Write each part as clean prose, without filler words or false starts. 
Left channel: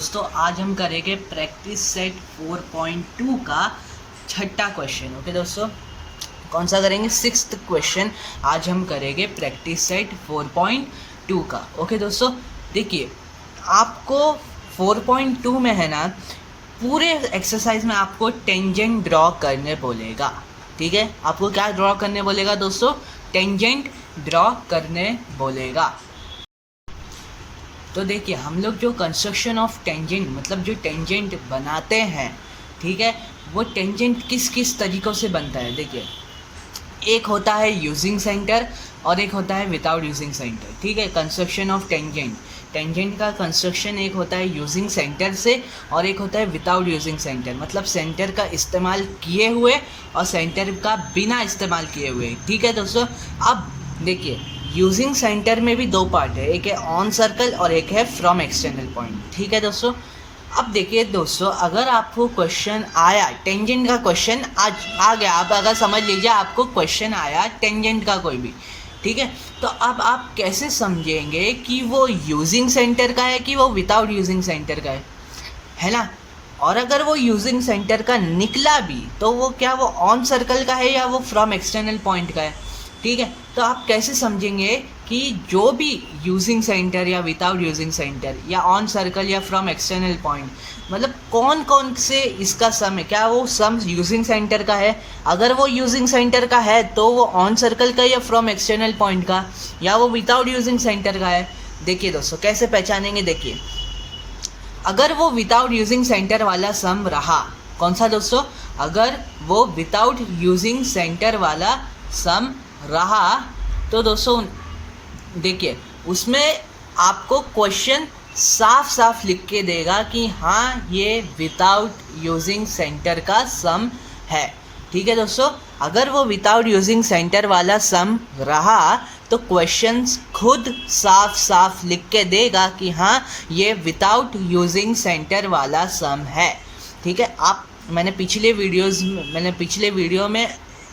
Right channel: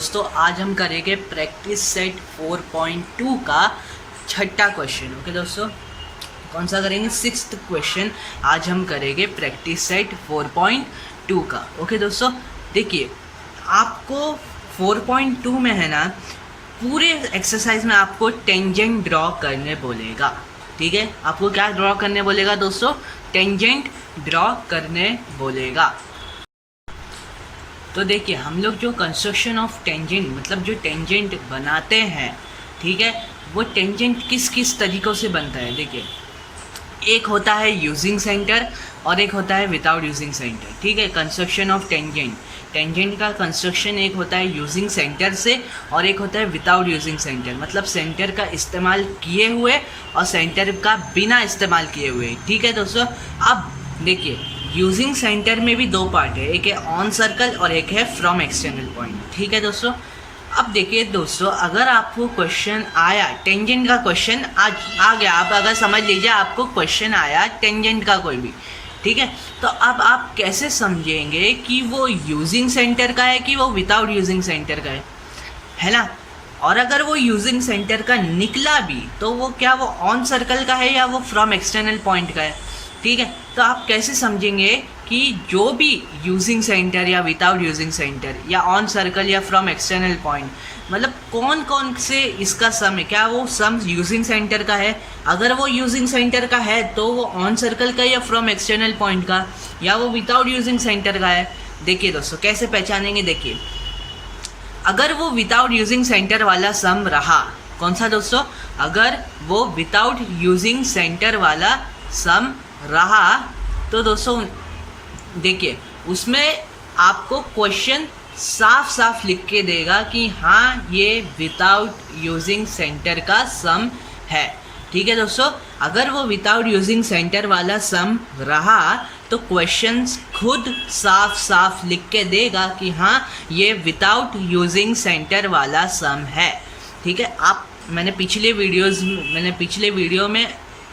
दोस्तों आज हम करेंगे प्रैक्टिस सेट 4.2 का छठा क्वेश्चन। ओके दोस्तों, कौन सा करेंगे? सिक्स्थ क्वेश्चन आज हम करेंगे प्रैक्टिस सेट 4.2 का। ओके दोस्तों, देखिए आपको 4.2 में है ना, पूरे एक्सरसाइज में आपको टेंजेंट ड्रॉ करने बोलेगा। ठीक है, आपको क्या ड्रॉ करने बोलेगा दोस्तों? टेंजेंट ड्रॉ करने बोलेगा। तो देखिए हम लोग जो कंस्ट्रक्शन ऑफ टेंजेंट मतलब जो टेंजेंट बनाते हैं, ठीक है, वो टेंजेंट किस किस तरीक़ों से बनता है। देखिए एक होता है यूजिंग सेंटर और एक होता है विदाउट यूजिंग सेंटर। ठीक है, कंस्ट्रक्शन ऑफ टेंजेंट का कंस्ट्रक्शन एक होता है यूजिंग सेंटर से और एक होता है विदाउट यूजिंग सेंटर, मतलब सेंटर का इस्तेमाल किए हुए और सेंटर का बिना इस्तेमाल किए हुए। ठीक है दोस्तों, अब देखिए यूजिंग सेंटर में भी दो पार्ट है, एक है ऑन सर्कल और एक है फ्रॉम एक्सटर्नल पॉइंट। ठीक है दोस्तों, अब देखिए दोस्तों, अगर आपको क्वेश्चन आया टेंजेंट का क्वेश्चन आ गया, आप अगर समझ लीजिए आपको क्वेश्चन आया टेंजेंट का कोई भी, ठीक है, तो अब आप कैसे समझेंगे कि वो यूजिंग सेंटर का है कि वो विदाउट यूजिंग सेंटर का है ना। और अगर वो यूजिंग सेंटर का निकला भी तो वो क्या वो ऑन सर्कल का है या वो फ्रॉम एक्सटर्नल पॉइंट का है। ठीक है, तो आप कैसे समझेंगे कि जो भी यूजिंग सेंटर या विदाउट यूजिंग सेंटर या ऑन सर्कल या फ्रॉम एक्सटर्नल पॉइंट, मतलब कौन कौन से इसका सम है, क्या वो सम यूजिंग सेंटर का है? अगर वो यूजिंग सेंटर का है तो वो ऑन सर्कल का या फ्रॉम एक्सटर्नल पॉइंट का, या वो विदाउट यूजिंग सेंटर का है। देखिए दोस्तों कैसे पहचानेंगे, देखिए अगर वो विदाउट यूजिंग सेंटर वाला सम रहा, कौन सा दोस्तों? अगर वो विदाउट यूजिंग सेंटर वाला सम रहा तो दोस्तों देखिए उसमें आपको क्वेश्चन साफ साफ लिख के देगा कि हाँ ये विदाउट यूजिंग सेंटर का सम है। ठीक है दोस्तों, अगर वो विदाउट यूजिंग सेंटर वाला सम रहा तो क्वेश्चन खुद साफ साफ लिख के देगा कि हाँ ये विदाउट यूजिंग सेंटर वाला सम है। ठीक है, मैंने पिछले वीडियो में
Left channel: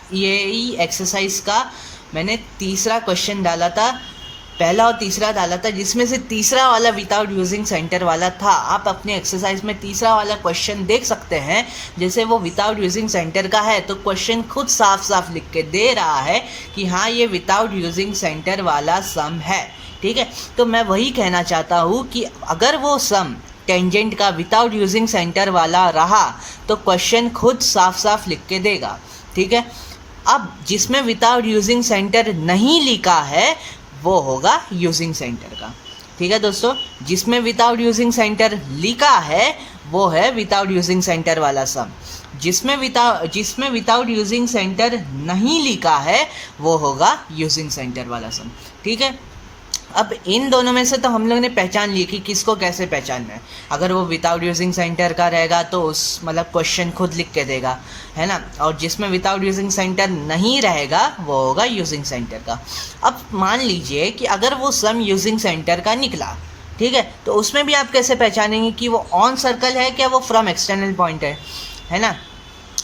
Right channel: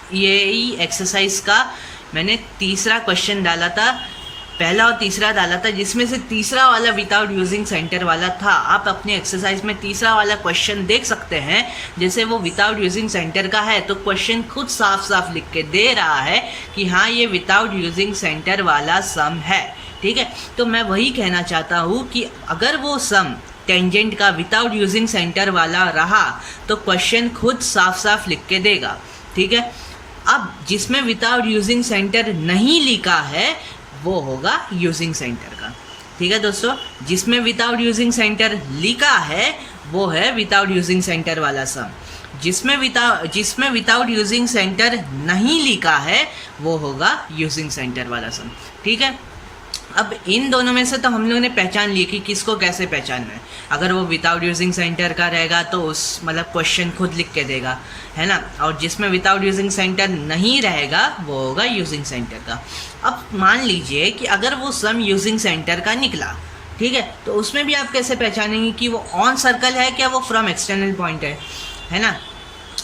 यही एक्सरसाइज का मैंने तीसरा क्वेश्चन डाला था, पहला और तीसरा डाला था, जिसमें से तीसरा वाला विदाउट यूजिंग सेंटर वाला था। आप अपने एक्सरसाइज में तीसरा वाला क्वेश्चन देख सकते हैं, जैसे वो विदाउट यूजिंग सेंटर का है तो क्वेश्चन खुद साफ साफ लिख के दे रहा है कि हाँ ये विदाउट यूजिंग सेंटर वाला सम है। ठीक है, तो मैं वही कहना चाहता हूँ कि अगर वो सम टेंजेंट का विदाउट यूजिंग सेंटर वाला रहा तो क्वेश्चन खुद साफ साफ लिख के देगा। ठीक है, अब जिसमें विदाउट यूजिंग सेंटर नहीं लिखा है वो होगा यूजिंग सेंटर का। ठीक है दोस्तों, जिसमें विदाउट यूजिंग सेंटर लिखा है वो है विदाउट यूजिंग सेंटर वाला सम। जिसमें विदाउट यूजिंग सेंटर नहीं लिखा है वो होगा यूजिंग सेंटर वाला सम। ठीक है, अब इन दोनों में से तो हम लोग ने पहचान ली कि किसको कैसे पहचानना है। अगर वो विदाउट यूजिंग सेंटर का रहेगा तो उस मतलब क्वेश्चन खुद लिख के देगा, है ना, और जिसमें विदाउट यूजिंग सेंटर नहीं रहेगा वो होगा यूजिंग सेंटर का। अब मान लीजिए कि अगर वो सम यूजिंग सेंटर का निकला, ठीक है, तो उसमें भी आप कैसे पहचानेंगे कि वो ऑन सर्कल है क्या वो फ्रॉम एक्सटर्नल पॉइंट है ना।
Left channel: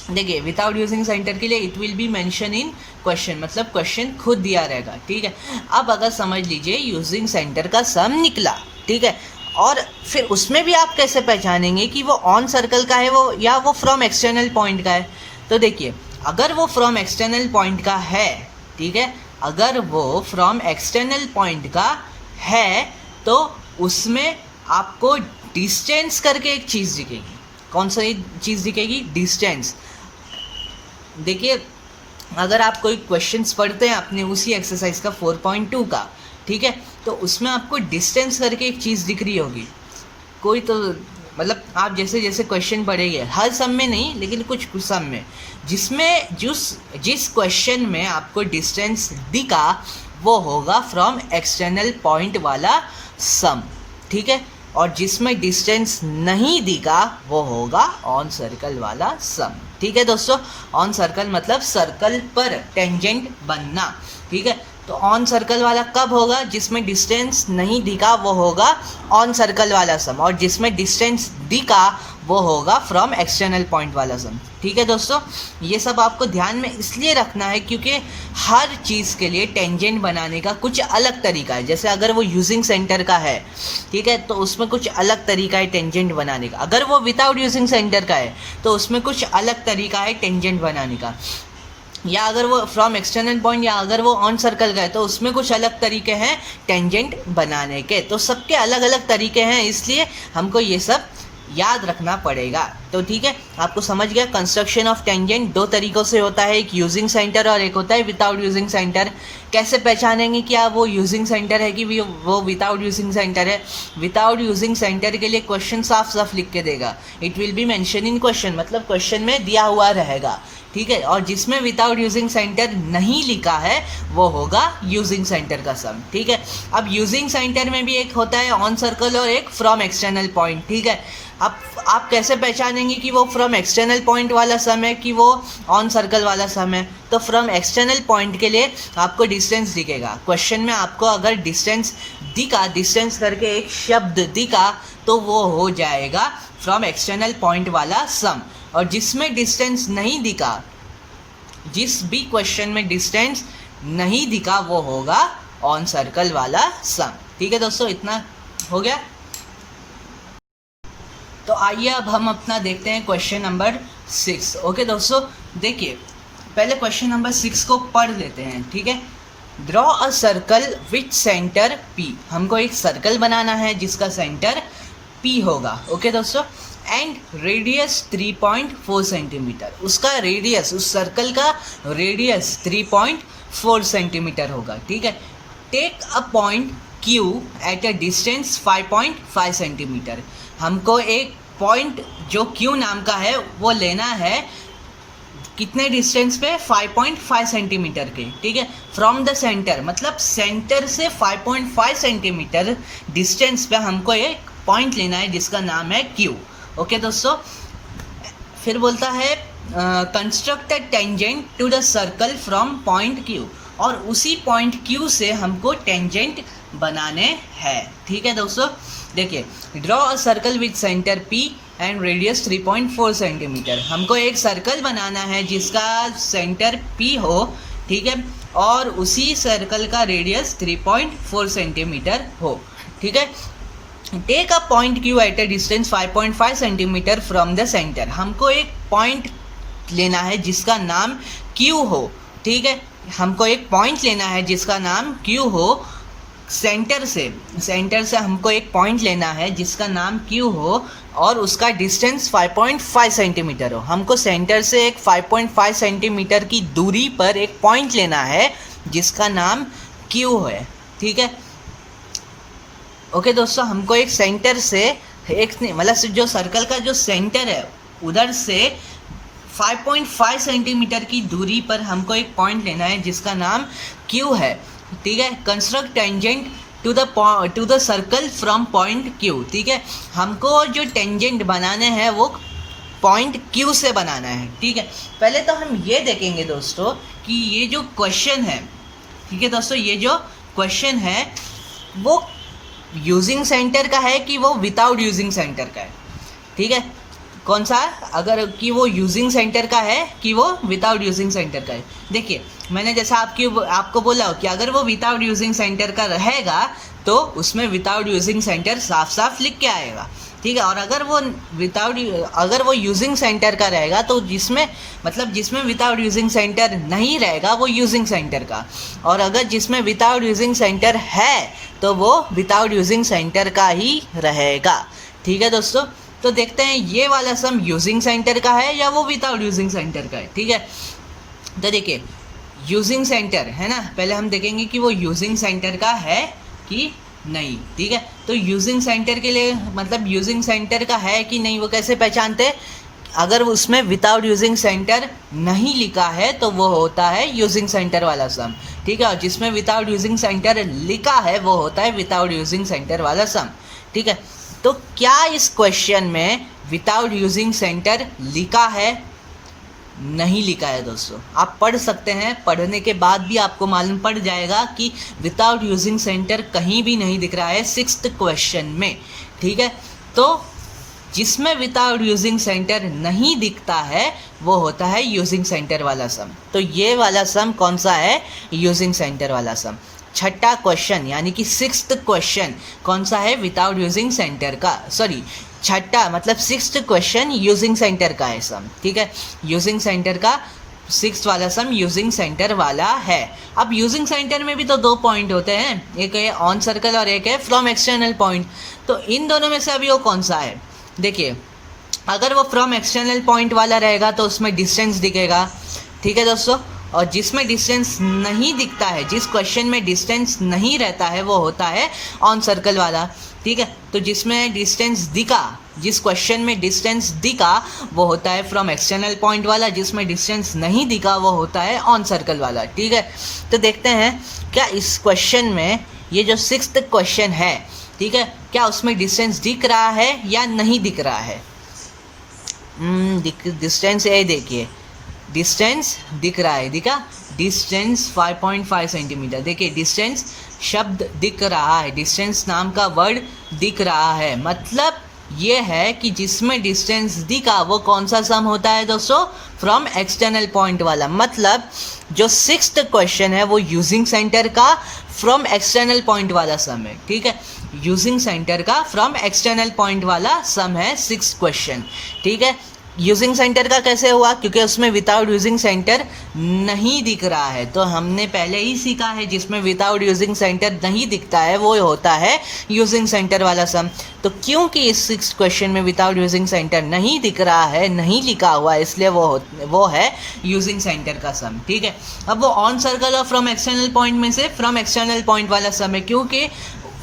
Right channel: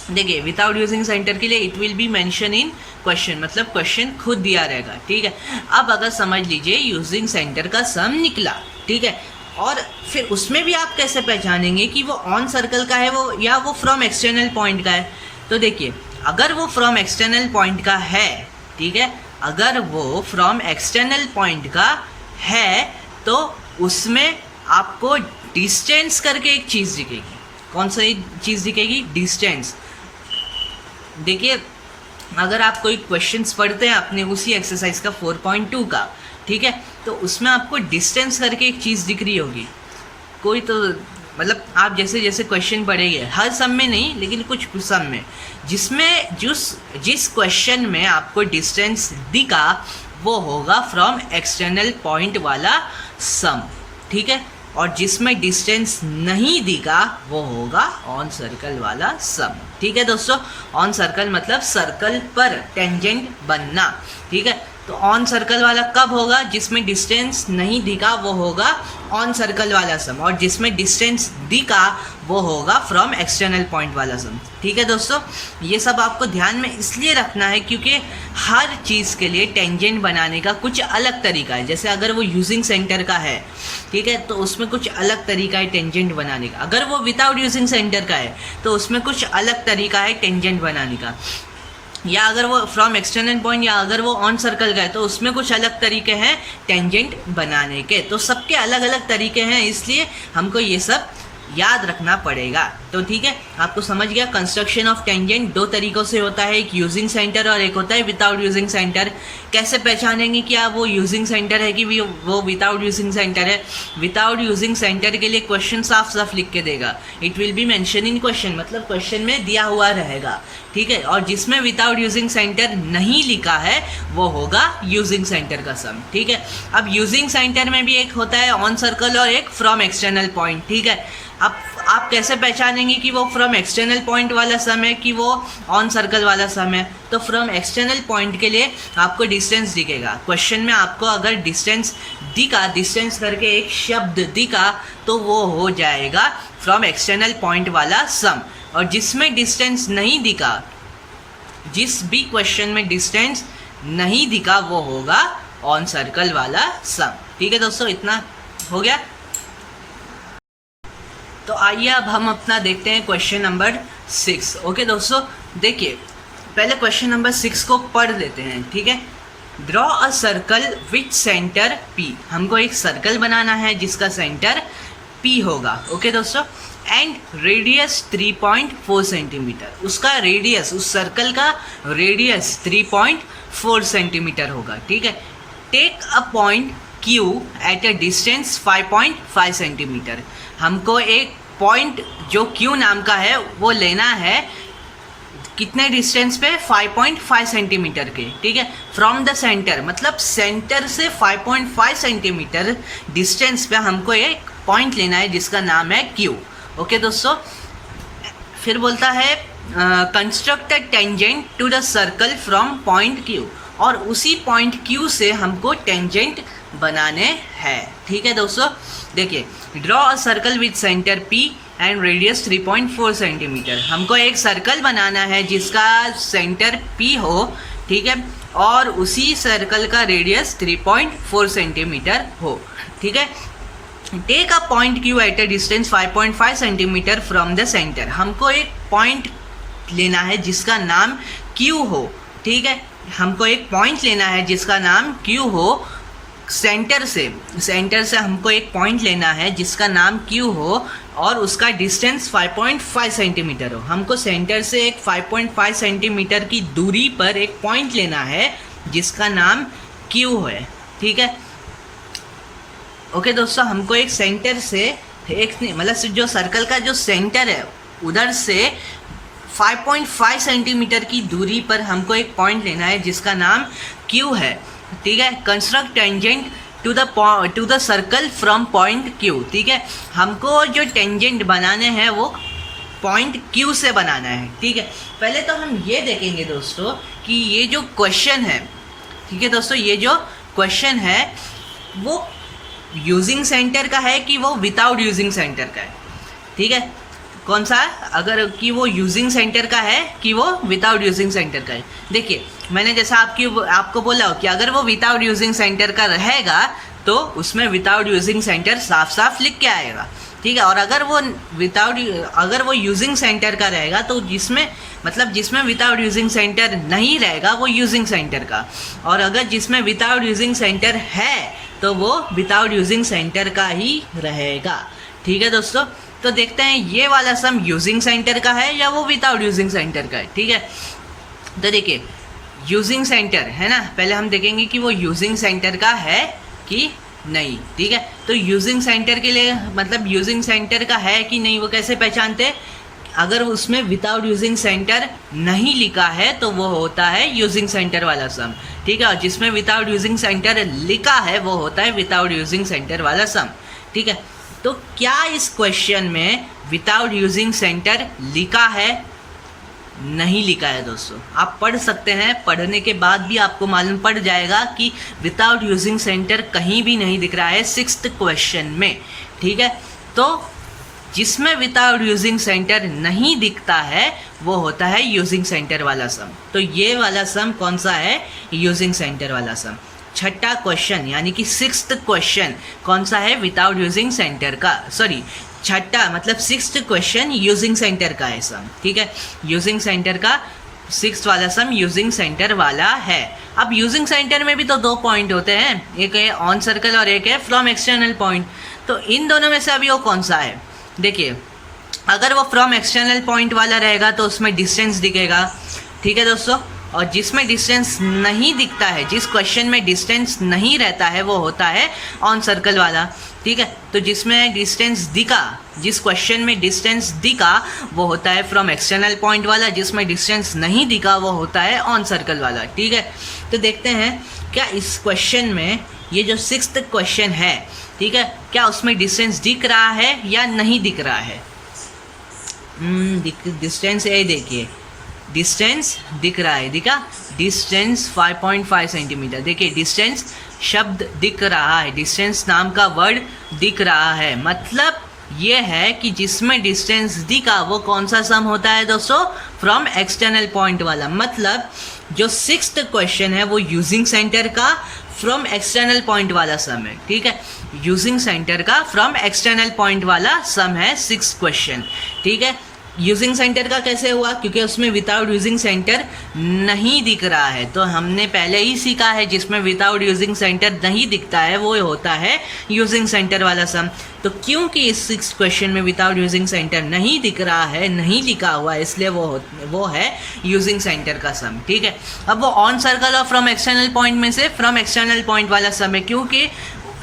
देखिए विदाउट यूजिंग सेंटर के लिए it will be mention in question, मतलब क्वेश्चन खुद दिया रहेगा। ठीक है, अब अगर समझ लीजिए यूजिंग सेंटर का सम निकला, ठीक है, और फिर उसमें भी आप कैसे पहचानेंगे कि वो ऑन सर्कल का है वो या वो फ्रॉम एक्सटर्नल पॉइंट का है। तो देखिए अगर वो फ्रॉम एक्सटर्नल पॉइंट का है, ठीक है, अगर वो फ्रॉम एक्सटर्नल पॉइंट का है तो उसमें आपको डिस्टेंस करके एक चीज़ दिखेगी। कौन सी चीज़ दिखेगी? डिस्टेंस। देखिए अगर आप कोई क्वेश्चंस पढ़ते हैं अपने उसी एक्सरसाइज का 4.2 का, ठीक है, तो उसमें आपको डिस्टेंस करके एक चीज़ दिख रही होगी कोई, तो मतलब आप जैसे जैसे क्वेश्चन पढ़ेंगे, हर सम में नहीं लेकिन कुछ सम में, जिसमें जिस क्वेश्चन में आपको डिस्टेंस दिखा वो होगा फ्रॉम एक्सटर्नल पॉइंट वाला सम। ठीक है, और जिसमें डिस्टेंस नहीं दिखा वो होगा ऑन सर्कल वाला सम। ठीक है दोस्तों, ऑन सर्कल मतलब सर्कल पर टेंजेंट बनना। ठीक है, तो ऑन सर्कल वाला कब होगा? जिसमें डिस्टेंस नहीं दिखा वो होगा ऑन सर्कल वाला सम, और जिसमें डिस्टेंस दिखा वो होगा फ्रॉम एक्सटर्नल पॉइंट वाला सम। ठीक है दोस्तों, ये सब आपको ध्यान में इसलिए रखना है क्योंकि हर चीज़ के लिए टेंजेंट बनाने का कुछ अलग तरीका है। जैसे अगर वो यूजिंग सेंटर का है, ठीक है, तो उसमें कुछ अलग तरीका है टेंजेंट बनाने का। अगर वो विदाउट यूजिंग सेंटर का है तो उसमें कुछ अलग तरीका है टेंजेंट बनाने का। या अगर वो फ्रॉम एक्सटर्नल पॉइंट या अगर वो ऑन सर्कल का है तो उसमें कुछ अलग तरीके हैं टेंजेंट बनाने के। तो सबके अलग अलग तरीके हैं, इसलिए हमको ये सब याद रखना पड़ेगा। तो ठीक है, आपको समझ गया। कंस्ट्रक्शन ऑफ टेंजेंट दो तरीक़ों से होता है, एक यूजिंग सेंटर और एक होता है विदाउट यूजिंग सेंटर। कैसे पहचानेंगे कि वो यूजिंग सेंटर है कि वो विदाउट यूजिंग सेंटर है? विदाउट यूजिंग सेंटर के लिए क्वेश्चन साफ साफ लिख के देगा, it will be mention in question, मतलब क्वेश्चन में दिया हुआ रहेगा। ठीक है, और जिसमें विदाउट यूजिंग सेंटर नहीं लिखा है वो होगा यूजिंग सेंटर का सम। ठीक है, अब यूजिंग सेंटर में भी एक होता है ऑन सर्कल और एक फ्रॉम एक्सटर्नल पॉइंट। ठीक है, अब आप कैसे पहचानेंगे कि वो फ्रॉम एक्सटर्नल पॉइंट वाला सम है कि वो ऑन सर्कल वाला सम है? तो फ्रॉम एक्सटर्नल पॉइंट के लिए आपको डिस्टेंस दिखेगा। क्वेश्चन में आपको अगर डिस्टेंस दिखा, डिस्टेंस करके एक शब्द दिखा, तो वो हो जाएगा फ्रॉम एक्सटर्नल पॉइंट वाला सम। और जिसमें डिस्टेंस नहीं दिखा, जिस भी क्वेश्चन में डिस्टेंस नहीं दिखा, वो होगा ऑन सर्कल वाला सम। ठीक है दोस्तों, इतना हो गया। तो आइए अब हम अपना देखते हैं क्वेश्चन नंबर 6। ओके दोस्तों, देखिए पहले क्वेश्चन नंबर 6 को पढ़ लेते हैं। ठीक है, draw a circle with centre P। हमको एक सर्कल बनाना है जिसका सेंटर P होगा। ओके दोस्तों, एंड रेडियस 3.4 सेंटीमीटर। उसका रेडियस, उस सर्कल का रेडियस 3.4 सेंटीमीटर होगा। ठीक है, take a point Q at a distance 5.5 centimetre. हमको एक पॉइंट जो Q नाम का है वो लेना है, कितने डिस्टेंस पे? 5.5 सेंटीमीटर के। ठीक है, फ्रॉम द सेंटर, मतलब सेंटर से 5.5 सेंटीमीटर डिस्टेंस पे हमको एक पॉइंट लेना है जिसका नाम है Q। ओके दोस्तों, फिर बोलता है construct a tangent to the circle from point Q, और उसी पॉइंट Q से हमको टेंजेंट बनाने हैं। ठीक है दोस्तों, देखिए draw a circle with centre P and radius 3.4 centimetre. हमको एक सर्कल बनाना है जिसका सेंटर P हो। ठीक है, और उसी सर्कल का रेडियस 3.4 सेंटीमीटर हो। ठीक है, take a point Q at a distance 5.5 centimetre from the centre. हमको एक पॉइंट लेना है जिसका नाम Q हो। ठीक है, हमको एक पॉइंट लेना है जिसका नाम Q हो। सेंटर से हमको एक पॉइंट लेना है जिसका नाम Q हो और उसका डिस्टेंस 5.5 सेंटीमीटर हो। हमको सेंटर से एक 5.5 सेंटीमीटर की दूरी पर एक पॉइंट लेना है जिसका नाम Q है। ठीक है, ओके दोस्तों, हमको एक सेंटर से एक, मतलब जो सर्कल का जो सेंटर है उधर से 5.5 सेंटीमीटर की दूरी पर हमको एक पॉइंट लेना है जिसका नाम Q है। ठीक है, construct tangent to the circle from point Q। ठीक है, हमको जो टेंजेंट बनाने हैं वो पॉइंट Q से बनाना है। ठीक है, पहले तो हम ये देखेंगे दोस्तों कि ये जो क्वेश्चन है, ठीक है दोस्तों, ये जो क्वेश्चन है वो यूजिंग सेंटर का है कि वो विदाउट यूजिंग सेंटर का है। ठीक है, कौन सा? अगर कि वो यूजिंग सेंटर का है कि वो विदाउट यूजिंग सेंटर का है। देखिए मैंने जैसा आपको बोला हो कि अगर वो विदाउट यूजिंग सेंटर का रहेगा तो उसमें विदाउट यूजिंग सेंटर साफ साफ लिख के आएगा। ठीक है, और अगर वो यूजिंग सेंटर का रहेगा तो जिसमें विदाउट यूजिंग सेंटर नहीं रहेगा वो यूजिंग सेंटर का, और अगर जिसमें विदाउट यूजिंग सेंटर है तो वो विदाउट यूजिंग सेंटर का ही रहेगा। ठीक है दोस्तों, तो देखते हैं ये वाला सम यूजिंग सेंटर का है या वो विदाउट यूजिंग सेंटर का है। ठीक है, तो देखिए यूजिंग सेंटर है ना, पहले हम देखेंगे कि वो यूजिंग सेंटर का है कि नहीं। ठीक है, तो यूजिंग सेंटर के लिए, मतलब यूजिंग सेंटर का है कि नहीं वो कैसे पहचानते? अगर उसमें विदाउट यूजिंग सेंटर नहीं लिखा है तो वो होता है यूजिंग सेंटर वाला सम। ठीक है, और जिसमें विदाउट यूजिंग सेंटर लिखा है वो होता है विदाउट यूजिंग सेंटर वाला सम। ठीक है, तो क्या इस क्वेश्चन में विदाउट यूजिंग सेंटर लिखा है? नहीं लिखा है दोस्तों। आप पढ़ सकते हैं, पढ़ने के बाद भी आपको मालूम पड़ जाएगा कि विदाउट यूजिंग सेंटर कहीं भी नहीं दिख रहा है 6th क्वेश्चन में। ठीक है, तो जिसमें विदाउट यूजिंग सेंटर नहीं दिखता है वो होता है यूजिंग सेंटर वाला सम। तो ये वाला सम कौन सा है? यूजिंग सेंटर वाला सम। छठा क्वेश्चन यानी कि 6th क्वेश्चन कौन सा है? विदाउट यूजिंग सेंटर का, सॉरी छठा मतलब 6th क्वेश्चन यूजिंग सेंटर का है सम। ठीक है, यूजिंग सेंटर का 6th वाला सम यूजिंग सेंटर वाला है। अब यूजिंग सेंटर में भी तो 2 पॉइंट होते हैं, एक है ऑन सर्कल और एक है फ्रॉम एक्सटर्नल पॉइंट। तो इन दोनों में से अभी वो कौन सा है? देखिए, अगर वो फ्रॉम एक्सटर्नल पॉइंट वाला रहेगा तो उसमें डिस्टेंस दिखेगा। ठीक है दोस्तों, और जिसमें डिस्टेंस नहीं दिखता है, जिस क्वेश्चन में डिस्टेंस नहीं रहता है वो होता है ऑन सर्कल वाला। ठीक है, तो जिसमें डिस्टेंस दिखा, जिस क्वेश्चन में डिस्टेंस दिखा वो होता है फ्रॉम एक्सटर्नल पॉइंट वाला, जिसमें डिस्टेंस नहीं दिखा वो होता है ऑन सर्कल वाला। ठीक है, तो देखते हैं क्या इस क्वेश्चन में ये जो 6th क्वेश्चन है, ठीक है, क्या उसमें डिस्टेंस दिख रहा है या नहीं दिख रहा है? डिस्टेंस ये देखिए, डिस्टेंस दिख रहा है, दिखा डिस्टेंस 5.5 सेंटीमीटर। देखिए डिस्टेंस शब्द दिख रहा है, डिस्टेंस नाम का वर्ड दिख रहा है, मतलब ये है कि जिसमें डिस्टेंस दिखा वो कौन सा सम होता है दोस्तों? फ्रॉम एक्सटर्नल पॉइंट वाला। मतलब जो 6th क्वेश्चन है वो यूजिंग सेंटर का फ्रॉम एक्सटर्नल पॉइंट वाला सम है। ठीक है, यूजिंग सेंटर का फ्रॉम एक्सटर्नल पॉइंट वाला सम है 6th क्वेश्चन। ठीक है, यूजिंग सेंटर का कैसे हुआ? क्योंकि उसमें विदाउट यूजिंग सेंटर नहीं दिख रहा है। तो हमने पहले ही सीखा है जिसमें विदाउट यूजिंग सेंटर नहीं दिखता है वो होता है यूजिंग सेंटर वाला सम। तो क्योंकि इस 6th क्वेश्चन में विदाउट यूजिंग सेंटर नहीं दिख रहा है, नहीं लिखा हुआ है, इसलिए वो है यूजिंग सेंटर का सम। ठीक है, अब वो ऑन सर्कल और फ्रॉम एक्सटर्नल पॉइंट में से फ्रॉम एक्सटर्नल पॉइंट वाला सम है, क्योंकि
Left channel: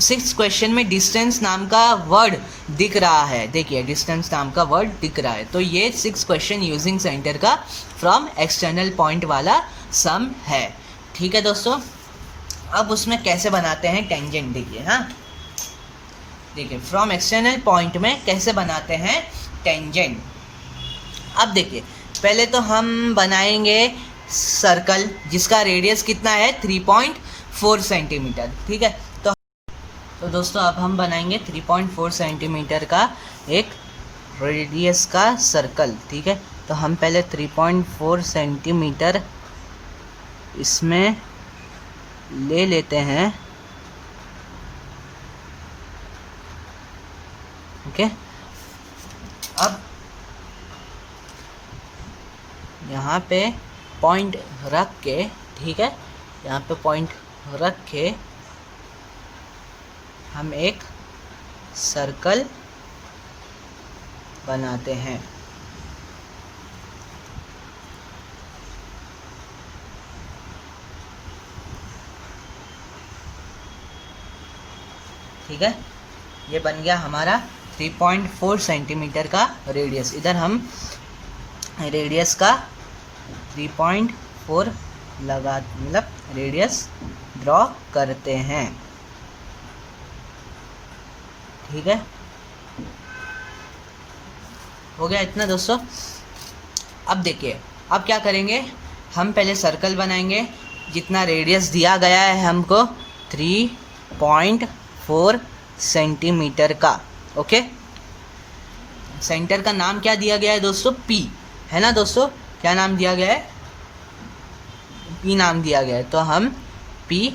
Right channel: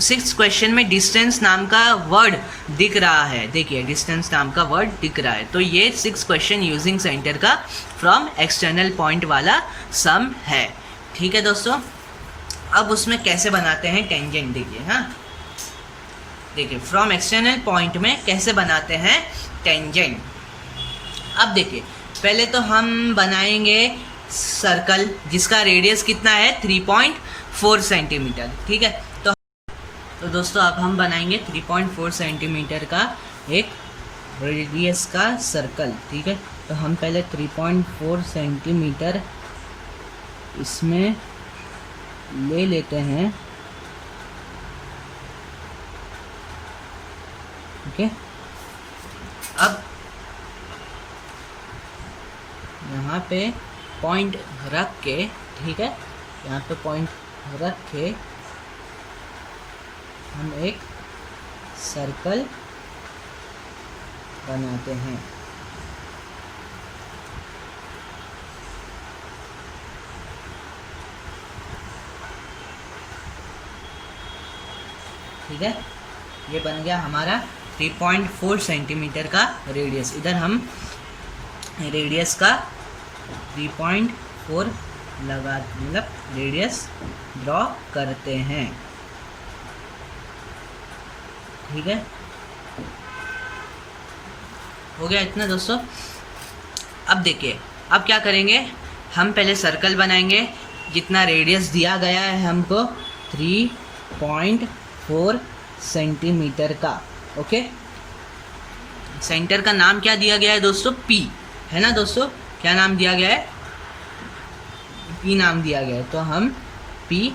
6th क्वेश्चन में डिस्टेंस नाम का वर्ड दिख रहा है। देखिए डिस्टेंस नाम का वर्ड दिख रहा है, तो ये 6th क्वेश्चन यूजिंग सेंटर का फ्रॉम एक्सटर्नल पॉइंट वाला सम है। ठीक है दोस्तों, अब उसमें कैसे बनाते हैं टेंजेंट देखिए। हाँ, देखिए फ्रॉम एक्सटर्नल पॉइंट में कैसे बनाते हैं टेंजेंट। अब देखिए पहले तो हम बनाएंगे सर्कल जिसका रेडियस कितना है? 3.4 सेंटीमीटर। ठीक है, तो दोस्तों अब हम बनाएंगे 3.4 सेंटीमीटर का एक रेडियस का सर्कल। ठीक है, तो हम पहले 3.4 सेंटीमीटर इसमें ले लेते हैं। ओके, अब यहाँ पे पॉइंट रख के, ठीक है, यहाँ पे पॉइंट रख के हम एक सर्कल बनाते हैं। ठीक है, ये बन गया हमारा 3.4 सेंटीमीटर का रेडियस। इधर हम रेडियस का 3.4 लगा, मतलब रेडियस ड्रॉ करते हैं। ठीक है, हो गया इतना दोस्तों। अब देखिए, अब क्या करेंगे, हम पहले सर्कल बनाएंगे जितना रेडियस दिया गया है हमको 3.4 सेंटीमीटर का। ओके, सेंटर का नाम क्या दिया गया है दोस्तों? P है ना दोस्तों, क्या नाम दिया गया है? P नाम दिया गया है, तो हम P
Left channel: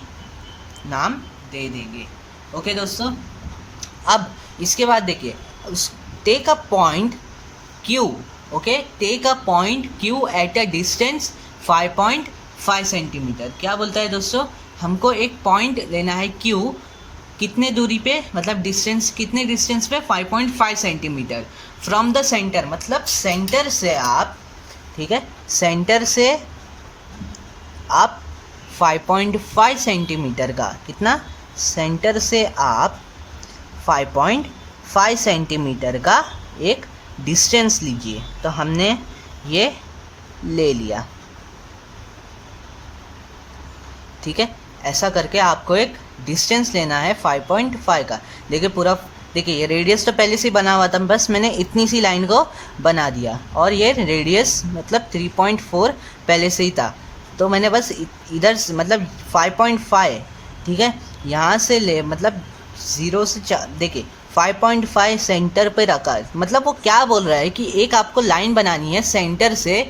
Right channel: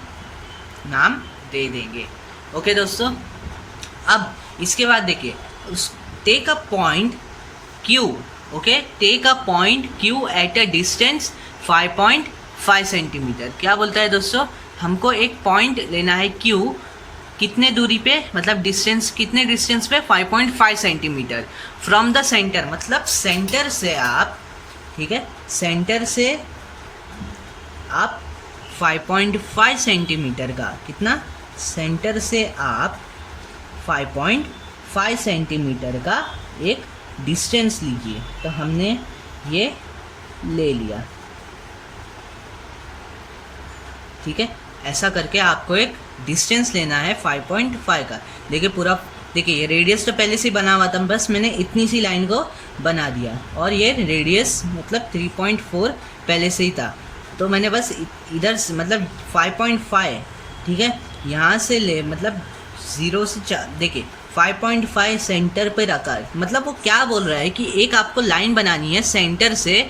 नाम दे देंगे। ओके दोस्तों, अब इसके बाद देखिए, take a point Q। Okay, take a point Q at a distance 5.5 centimetre. क्या बोलता है दोस्तों? हमको एक पॉइंट लेना है Q, कितने दूरी पे, मतलब डिस्टेंस, कितने डिस्टेंस पे? 5.5 सेंटीमीटर फ्रॉम द सेंटर। मतलब सेंटर से आप, ठीक है, सेंटर से आप 5.5 सेंटीमीटर का, कितना? सेंटर से आप 5.5 सेंटीमीटर का एक डिस्टेंस लीजिए। तो हमने ये ले लिया। ठीक है, ऐसा करके आपको एक डिस्टेंस लेना है 5.5 का। देखिए पूरा, देखिए ये रेडियस तो पहले से ही बना हुआ था, बस मैंने इतनी सी लाइन को बना दिया, और ये रेडियस मतलब 3.4 पहले से ही था, तो मैंने बस इधर से, मतलब 5.5, ठीक है, यहाँ से ले, मतलब 0 से 4, देखिए 5.5 सेंटर पे रखा। मतलब वो क्या बोल रहा है कि एक आपको लाइन बनानी है सेंटर से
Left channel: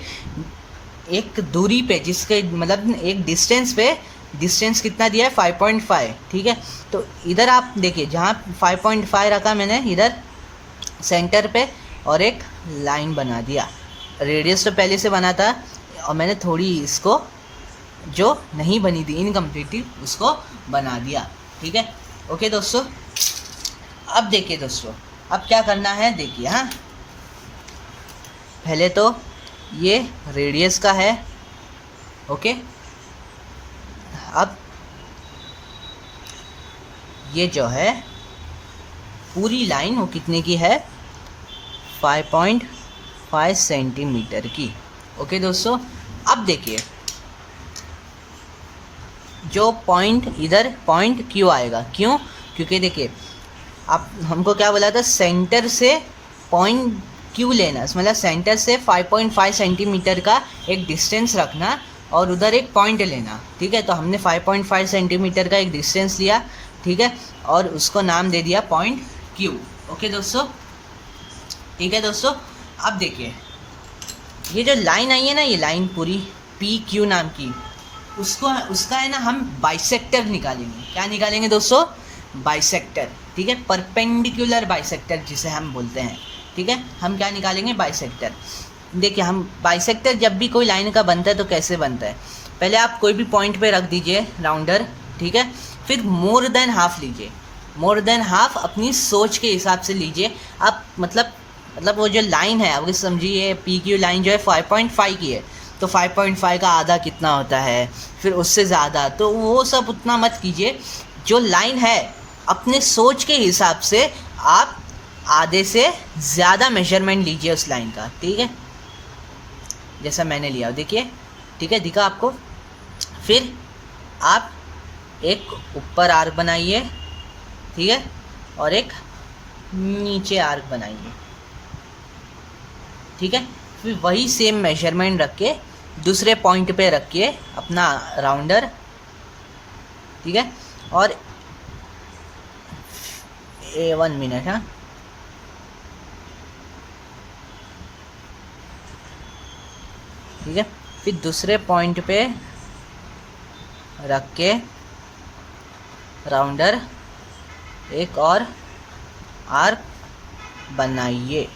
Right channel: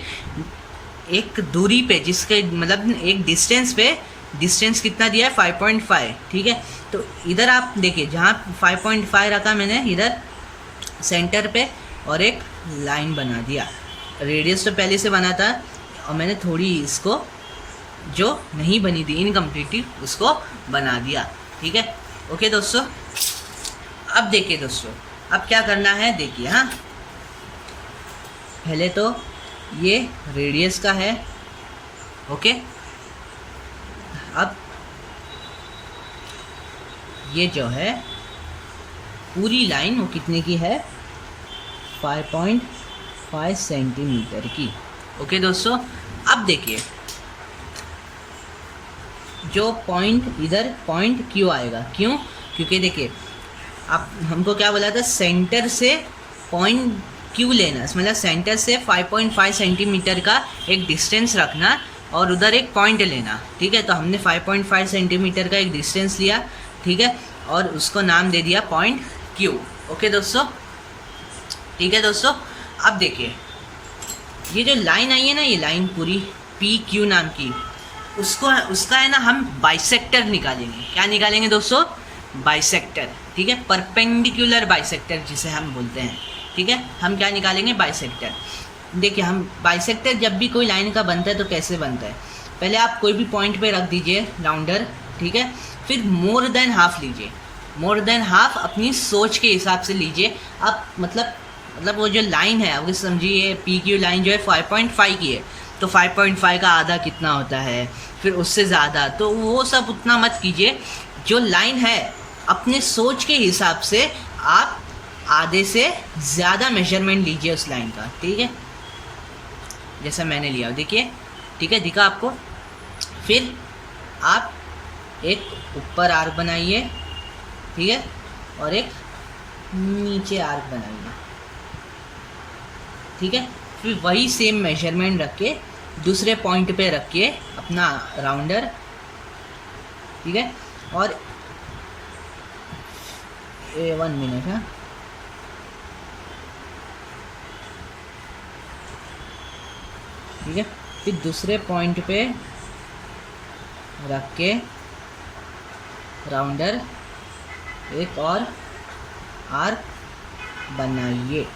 एक दूरी पे, जिसके मतलब एक डिस्टेंस पे, डिस्टेंस कितना दिया है 5.5, ठीक है। तो इधर आप देखिए जहाँ 5.5 रखा मैंने, इधर सेंटर पे और एक लाइन बना दिया। रेडियस तो पहले से बना था और मैंने थोड़ी इसको जो नहीं बनी थी इनकम्प्लीटली उसको बना दिया, ठीक है। ओके दोस्तों, अब देखिए दोस्तों, अब क्या करना है देखिए। हाँ, पहले तो ये रेडियस का है, ओके। अब ये जो है पूरी लाइन वो कितने की है, 5.5 सेंटीमीटर की। ओके दोस्तों, अब देखिए जो पॉइंट इधर पॉइंट क्यों आएगा, क्यों, क्योंकि देखिए आप हमको क्या बोला था, सेंटर से पॉइंट क्यों लेना, मतलब सेंटर से 5.5 सेंटीमीटर का एक डिस्टेंस रखना और उधर एक पॉइंट लेना, ठीक है। तो हमने 5.5 सेंटीमीटर का एक डिस्टेंस लिया, ठीक है, और उसको नाम दे दिया पॉइंट क्यू। ओके दोस्तों, ठीक है दोस्तों। अब देखिए ये जो लाइन आई है ना, ये लाइन पूरी पी क्यू नाम की, उसका है ना हम बाइसेक्टर निकालेंगे। क्या निकालेंगे दोस्तों, बाइसेक्टर, ठीक है, परपेंडिकुलर बाइसेक्टर जिसे हम बोलते हैं, ठीक है। हम क्या निकालेंगे, बाइसेक्टर। देखिए हम बाइसेक्टर जब भी कोई लाइन का बनता है तो कैसे बनता है, पहले आप कोई भी पॉइंट पे रख दीजिए राउंडर, ठीक है, फिर मोर देन हाफ लीजिए, मोर देन हाफ अपनी सोच के हिसाब से लीजिए आप। मतलब वो जो लाइन है आपको समझिए, पी क्यू लाइन जो है 5.5 की है, तो 5.5 का आधा कितना होता है, फिर उससे ज़्यादा, तो वो सब उतना मत कीजिए। जो लाइन है अपने सोच के हिसाब से आप आधे से ज़्यादा मेजरमेंट लीजिए उस लाइन का, ठीक है, जैसा मैंने लिया देखिए, ठीक है, दिखा आपको। फिर आप एक ऊपर आर्क बनाइए, ठीक है, और एक नीचे आर्क बनाइए, ठीक है। फिर वही सेम मेजरमेंट रख के दूसरे पॉइंट पे रखिए अपना राउंडर, ठीक है, और 1 मिनट, हाँ, ठीक है। फिर दूसरे पॉइंट पे रख के राउंडर एक और आर्क बनाइए,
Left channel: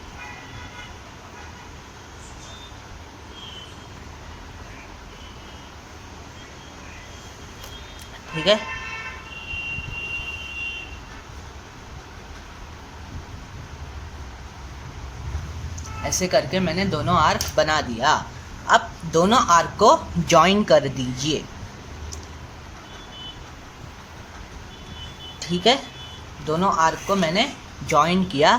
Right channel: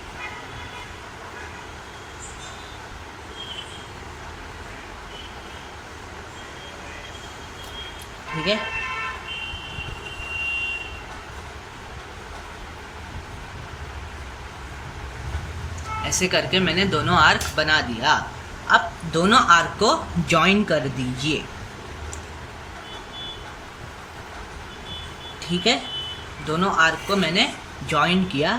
ठीक है। ऐसे करके मैंने दोनों आर्क बना दिया। अब दोनों आर्क को जॉइन कर दीजिए, ठीक है, दोनों आर्क को मैंने जॉइन किया,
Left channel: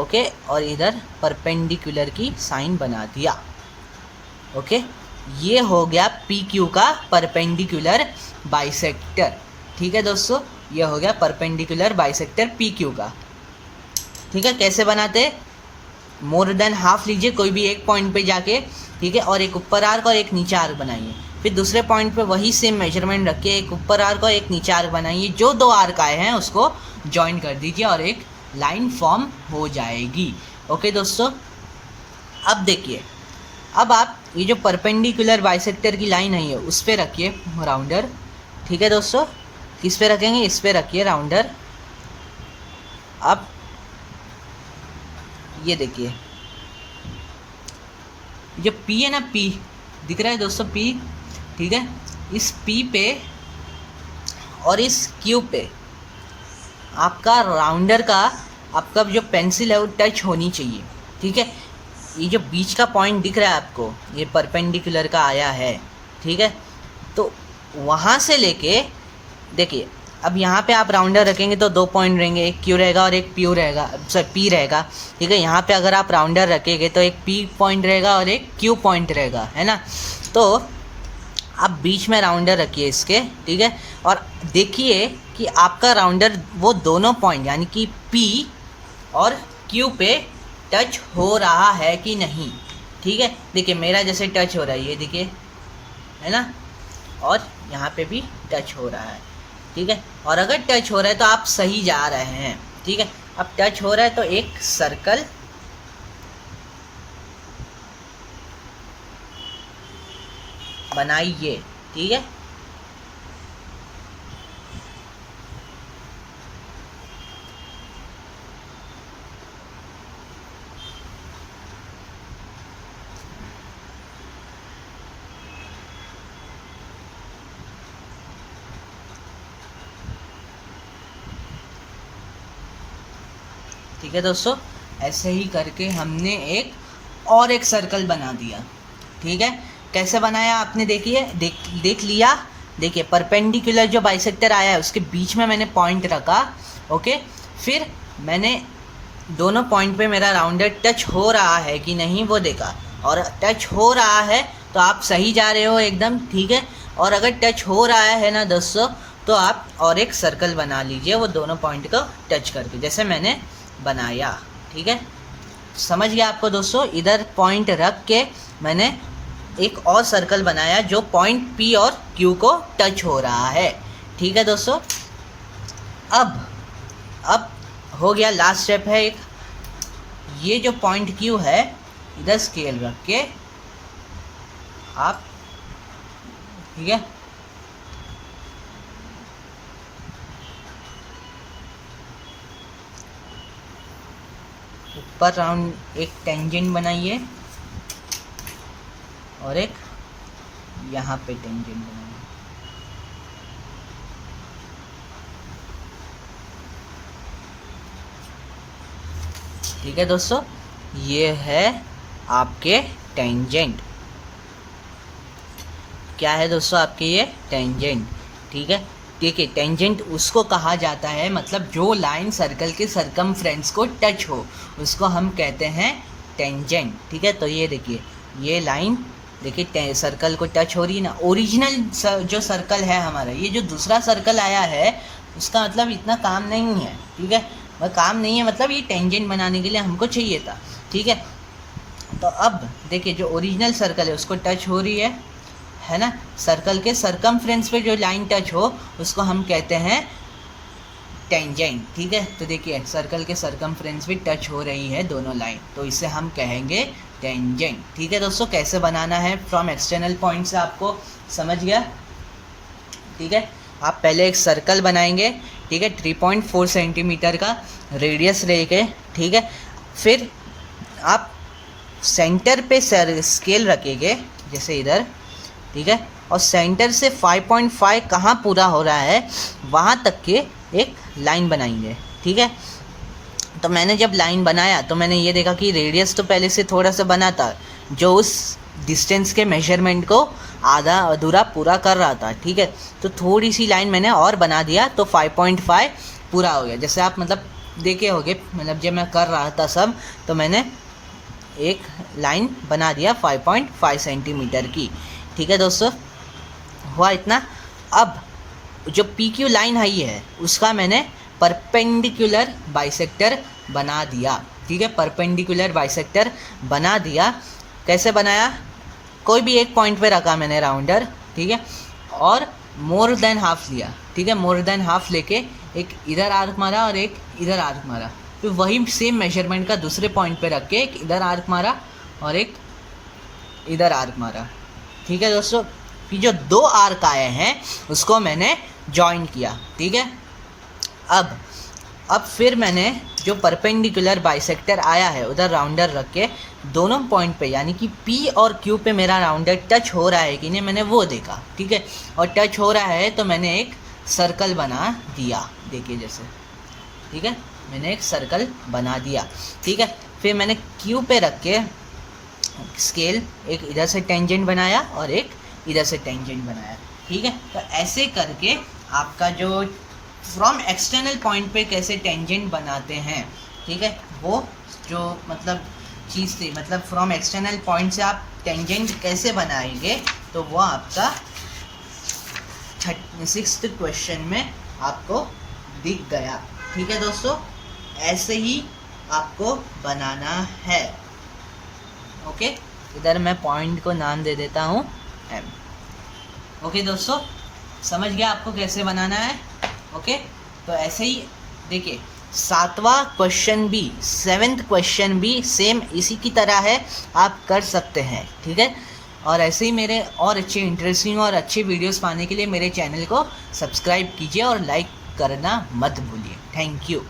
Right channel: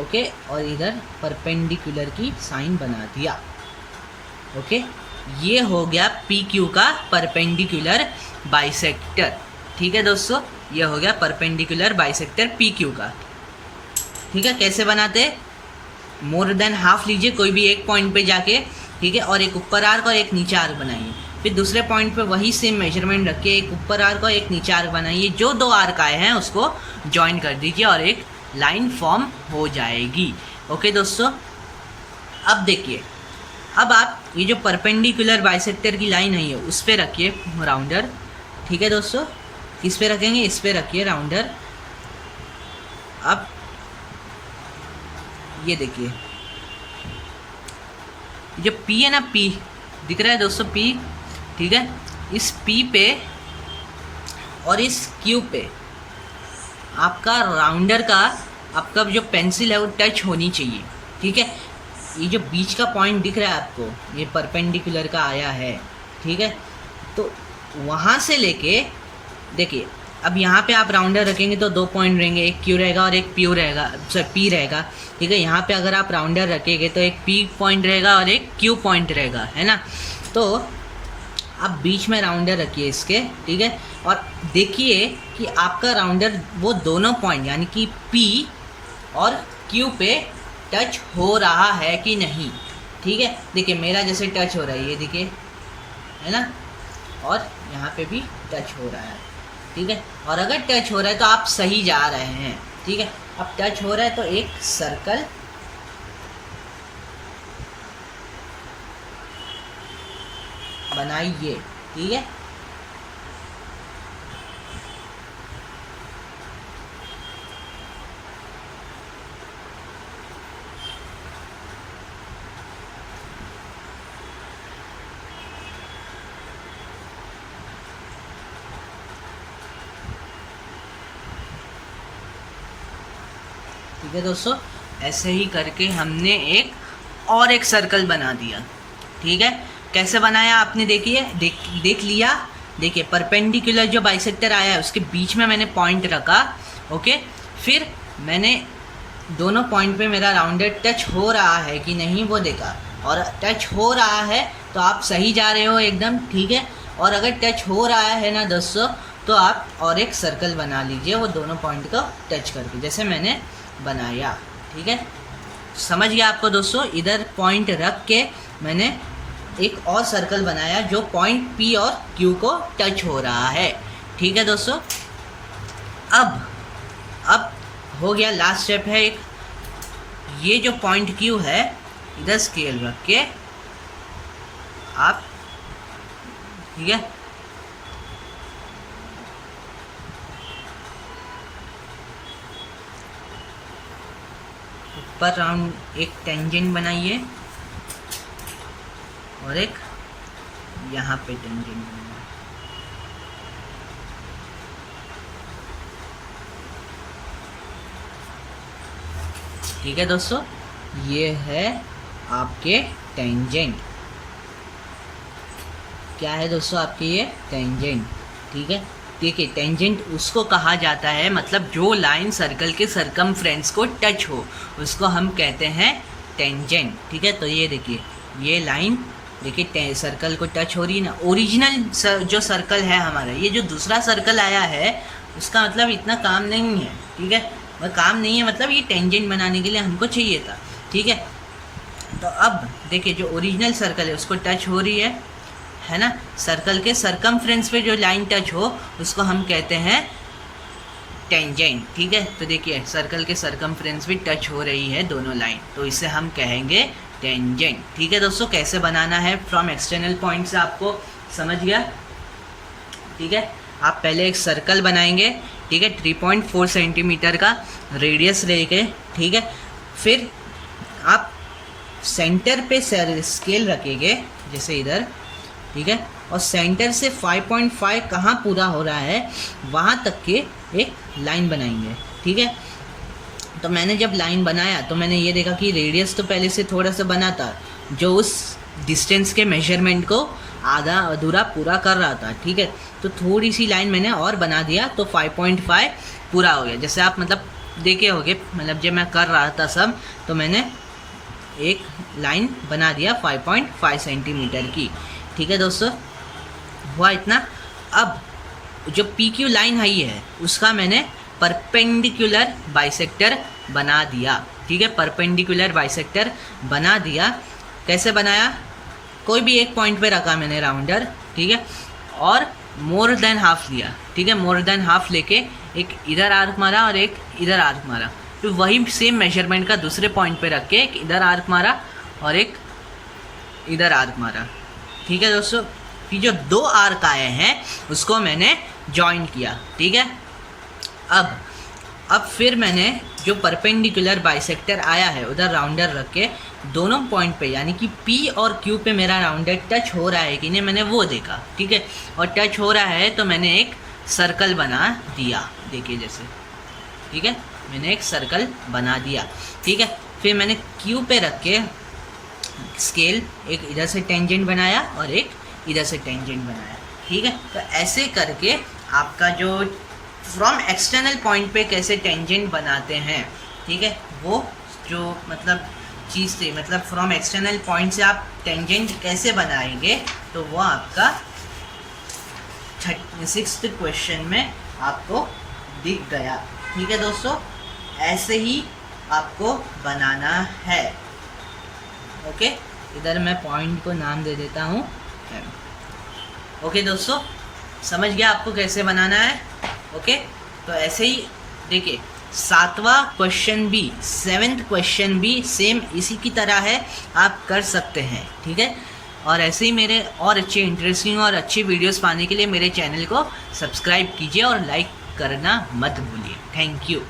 ओके, और इधर परपेंडिकुलर की साइन बना दिया, ओके। ये हो गया पी क्यू का परपेंडिकुलर बाइसेक्टर, ठीक है दोस्तों, ये हो गया परपेंडिकुलर बाइसेक्टर पी क्यू का, ठीक है। कैसे बनाते, मोर देन हाफ लीजिए कोई भी एक पॉइंट पे जाके, ठीक है, और एक ऊपर आर्क और एक नीचे आर्क बनाइए। फिर दूसरे पॉइंट पे वही सेम मेजरमेंट रखिए, एक ऊपर आर्क और एक नीचे आर्क बनाइए। जो दो आर्क आए हैं उसको जॉइन कर दीजिए और एक लाइन फॉर्म हो जाएगी, ओके दोस्तों। अब देखिए, अब आप ये जो परपेंडिकुलर बाइसेक्टर की लाइन है उस पर रखिए राउंडर, ठीक है दोस्तों। किस पे रखेंगे, इस पे रखिए राउंडर। अब ये देखिए जो पी है ना, पी दिख रहा है दोस्तों, पी, ठीक है, इस पी पे और इस क्यू पे आपका राउंडर का, आपका जो पेंसिल है वो टच होनी चाहिए, ठीक है। ये जो बीच का पॉइंट दिख रहा है आपको, ये परपेंडिकुलर का आया है, ठीक है, तो वहाँ से लेके देखिए, अब यहाँ पे आप राउंडर रखेंगे तो 2 पॉइंट रहेंगे, एक क्यू रहेगा और एक पी रहेगा, पी रहेगा, ठीक है। यहाँ पे अगर आप राउंडर रखेंगे तो एक पी पॉइंट रहेगा और एक क्यू पॉइंट रहेगा, है ना। तो आप बीच में राउंडर रखिए इसके, ठीक है, और देखिए कि आपका राउंडर वो दोनों पॉइंट यानी कि पी और क्यू पे टच हो रहा है कि नहीं, ठीक है। देखिए मेरा जैसे टच हो रहा है, ये देखिए, है ना, और यहाँ पे भी टच हो रहा है, ठीक है। और अगर टच हो रहा है तो आप सही जा रहे हैं, ठीक है। अब टच हो रहा है तो एक सर्कल बनाइए, ठीक है। ठीक है दोस्तों, ऐसे ही करके हमने एक और एक सर्कल बना दिया, ठीक है। कैसे बनाया आपने देखिए, देख लिया। देखिए परपेंडिकुलर जो बाइसेक्टर आया है उसके बीच में मैंने पॉइंट रखा, ओके। फिर मैंने दोनों पॉइंट पे मेरा राउंडर टच हो रहा है कि नहीं वो देखा, और टच हो रहा है तो आप सही जा रहे हो एकदम, ठीक है। और अगर टच हो रहा है ना दोस्तों, तो आप और एक सर्कल बना लीजिए वो दोनों पॉइंट को टच करके, जैसे मैंने बनाया, ठीक है। समझ गया आपको दोस्तों। इधर पॉइंट रख के मैंने एक और सर्कल बनाया जो पॉइंट P और Q को टच हो रहा है, ठीक है दोस्तों। अब हो गया, लास्ट स्टेप है एक, ये जो पॉइंट Q है इधर स्केल रख के आप, ठीक है, ऊपर राउंड एक टेंजेंट बनाइए और एक यहाँ पे टेंजेंट बनाइए, ठीक है दोस्तों। ये है आपके टेंजेंट, क्या है दोस्तों आपके ये टेंजेंट, ठीक है। देखिए टेंजेंट उसको कहा जाता है, मतलब जो लाइन सर्कल के सरकमफ्रेंस को टच हो उसको हम कहते हैं टेंजेंट, ठीक है। तो ये देखिए ये लाइन देखिए सर्कल को टच हो रही है ना। ओरिजिनल जो सर्कल है हमारा, ये जो दूसरा सर्कल आया है उसका मतलब इतना काम नहीं है, ठीक है। वह काम नहीं है मतलब ये टेंजेंट बनाने के लिए हमको चाहिए था, ठीक है। तो अब देखिए जो ओरिजिनल सर्कल है उसको टच हो रही है ना। सर्कल के सरकमफ्रेंस पे जो लाइन टच हो उसको हम कहते हैं टेंजेंट, ठीक है। तो देखिए सर्कल के सरकमफ्रेंस पे टच हो रही है दोनों लाइन, तो इसे हम कहेंगे टेंजेंट, ठीक है दोस्तों। कैसे बनाना है फ्रॉम एक्सटर्नल पॉइंट से आपको समझ गया, ठीक है। आप पहले एक सर्कल बनाएंगे, ठीक है, 3.4 सेंटीमीटर का रेडियस लेके, ठीक है। फिर आप सेंटर पे स्केल रखेंगे जैसे इधर, ठीक है, और सेंटर से 5.5 कहाँ पूरा हो रहा है वहाँ तक के एक लाइन बनाएंगे, ठीक है। तो मैंने जब लाइन बनाया तो मैंने ये देखा कि रेडियस तो पहले से थोड़ा सा बना था जो उस डिस्टेंस के मेजरमेंट को आधा अधूरा पूरा कर रहा था, ठीक है। तो थोड़ी सी लाइन मैंने और बना दिया तो 5.5 पूरा हो गया। जैसे आप मतलब देखे होगे, मतलब जब मैं कर रहा था सब तो मैंने एक लाइन बना दिया 5.5 सेंटीमीटर की, ठीक है दोस्तों। हुआ इतना। अब जो PQ लाइन आई है उसका मैंने परपेंडिकुलर बाइसेक्टर बना दिया, ठीक है। परपेंडिकुलर बाइसेक्टर बना दिया। कैसे बनाया, कोई भी एक पॉइंट पे रखा मैंने राउंडर, ठीक है, और मोर देन हाफ लिया, ठीक है। मोर देन हाफ लेके एक इधर आर्क मारा और एक इधर आर्क मारा, फिर वही सेम मेजरमेंट का दूसरे पॉइंट पे रख के एक इधर आर्क मारा और एक इधर आर्क मारा, ठीक है दोस्तों। फिर जो दो आर्क आए हैं उसको मैंने जॉइन किया, ठीक है। अब फिर मैंने जो परपेंडिकुलर बाइसेक्टर आया है उधर राउंडर रख के दोनों पॉइंट पे यानी कि P और Q पे मेरा राउंडर टच हो रहा है कि नहीं मैंने वो देखा, ठीक है। और टच हो रहा है तो मैंने एक सर्कल बना दिया, देखिए जैसे, ठीक है, मैंने एक सर्कल बना दिया, ठीक है। फिर मैंने Q पे रख के स्केल एक इधर से टेंजेंट बनाया और एक इधर से टेंजेंट बनाया, ठीक है। तो ऐसे करके आपका जो फ्रॉम एक्सटर्नल पॉइंट पे कैसे टेंजेंट बनाते हैं, ठीक है, वो जो मतलब चीज़ थी, मतलब फ्रॉम एक्सटर्नल पॉइंट से आप टेंजेंट कैसे बनाएंगे, तो वो आपका 36th क्वेश्चन में आपको दिख गया, ठीक है दोस्तों। ऐसे ही आपको बनाना है, ओके। इधर मैं पॉइंट को नाम दे देता हूँ M, ओके दोस्तों, समझ गया आपको कैसे बनाना है, ओके। तो ऐसे ही देखिए 7वां क्वेश्चन भी, 7th क्वेश्चन भी सेम इसी की तरह है, आप कर सकते हैं, ठीक है। और ऐसे ही मेरे और अच्छे इंटरेस्टिंग और अच्छे वीडियोस पाने के लिए मेरे चैनल को सब्सक्राइब कीजिए और लाइक करना मत भूलिए। Thank you.